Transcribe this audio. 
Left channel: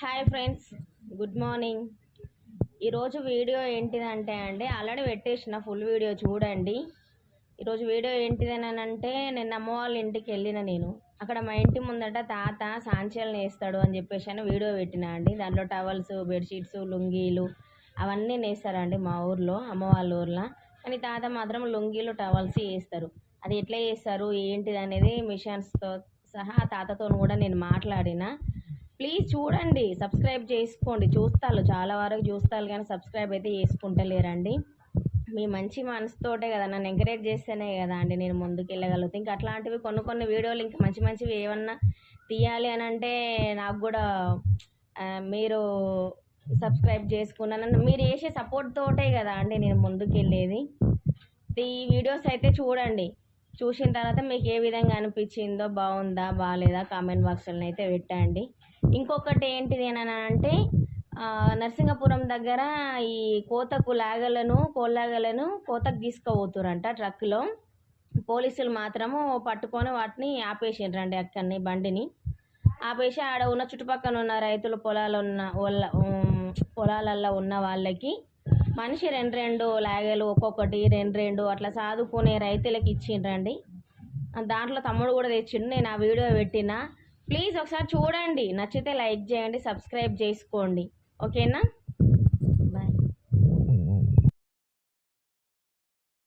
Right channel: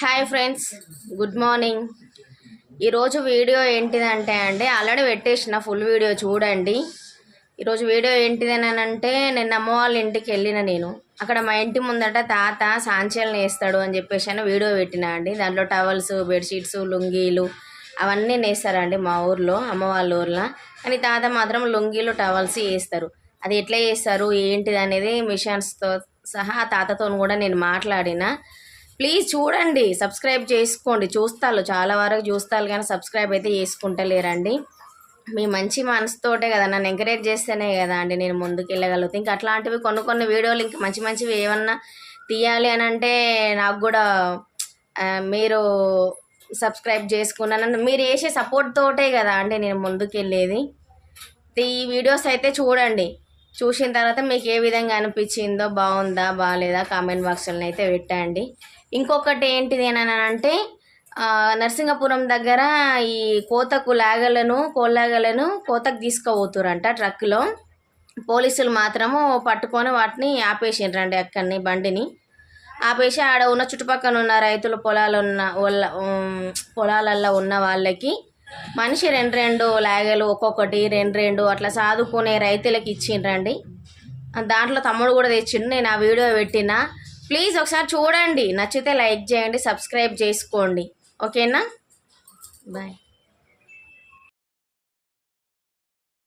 Hi friends, good morning. ఈరోజు video ఏంటిదంటే already పెట్టేసిన ఫుల్ వీడియో చూడండి. ఈరోజు వీడియో ఏంటిదని అంటే నేను అమ్మ వాళ్ళ ఇంటికి వెళ్ళిన. నేను అక్కడ మా ఇంటి ముందట తాత సాంచల్ని వేస్తాడు అని చెప్పేసి వీడియో పెట్టినా అండి. దాంట్లో టవల్స్, బెడ్షీట్స్, లుంగీలు అవన్నీ నేస్తారండి మా ఊర్లో, అమ్మ వాళ్ళ ఊర్లో. కానీ తాత మాత్రం లుంగీలు, టవల్స్ వేస్తారు. అది ఎట్లా చేస్తారు ఏంటిది అనేది మిషన్స్తో సహా తాతతో కూడా నేను మాట్లాడిన. ప్లీజ్ చూడండి, సబ్స్క్రైబ్ చేసుకోండి. చూస్తారు, చాలా వరకు చూస్తారు కానీ సబ్స్క్రైబ్ అయితే చేసుకుంటలేరండి. మీ మంచి మనసుతోటే కదా, నన్ను ఎంకరేజ్ చేస్తేనే కదా అండి నేను ముందుకు వెళ్ళగలుగుతాను. ఇంకా అట్లాంటివి కొన్ని వీడియోలు ఇంకా మంచివి ఏమన్నా తీయాలి అని అంటే నాకు కూడా మీరు సబ్స్క్రైబ్ చేసుకున్నాను. మీరు వేసే సపోర్ట్ తోటే కదా అండి నేను ముందుకు వెళ్ళేది. ఈ వీడియోస్ అయితే చూడండి. చూసిన తర్వాత మీకు ఏ విధంగా అనిపించిందో, బాగుందా బాగాలేదా కామెంట్ బాక్స్లో అయితే పెట్టండి. ఇంకొకటి ఏంటిది అని అంటే నరసింగపురం దగ్గర ఈ కోళ్ళాగలను కోతకు తీసుకుపోతురంట ట్రక్లో. పోలీసులు మాత్రము పట్టుకొని వాటిని ఆపేసిండ్రండి. అక్కడిని బండిని ఆపేసి ఆడ ఉన్న చుట్టుపక్కల ఉన్న రైతుల పొలాలల్లో ఉన్న వాళ్ళకి మనిషి రెండు లాగలు ఒక్కొక్కటి రెండు అట్లా సాదుకునే రైతులకి ఇచ్చిండ్రండి. దాంట్లో తమ్ముడు కూడా తెచ్చిండు. నేను ఆ వీడియో పెట్టిన. ప్లీజ్ ఒకసారి చూడండి, నచ్చితే లైక్ చేయండి, సబ్స్క్రైబ్ చేసుకోండి. ఓకేనా?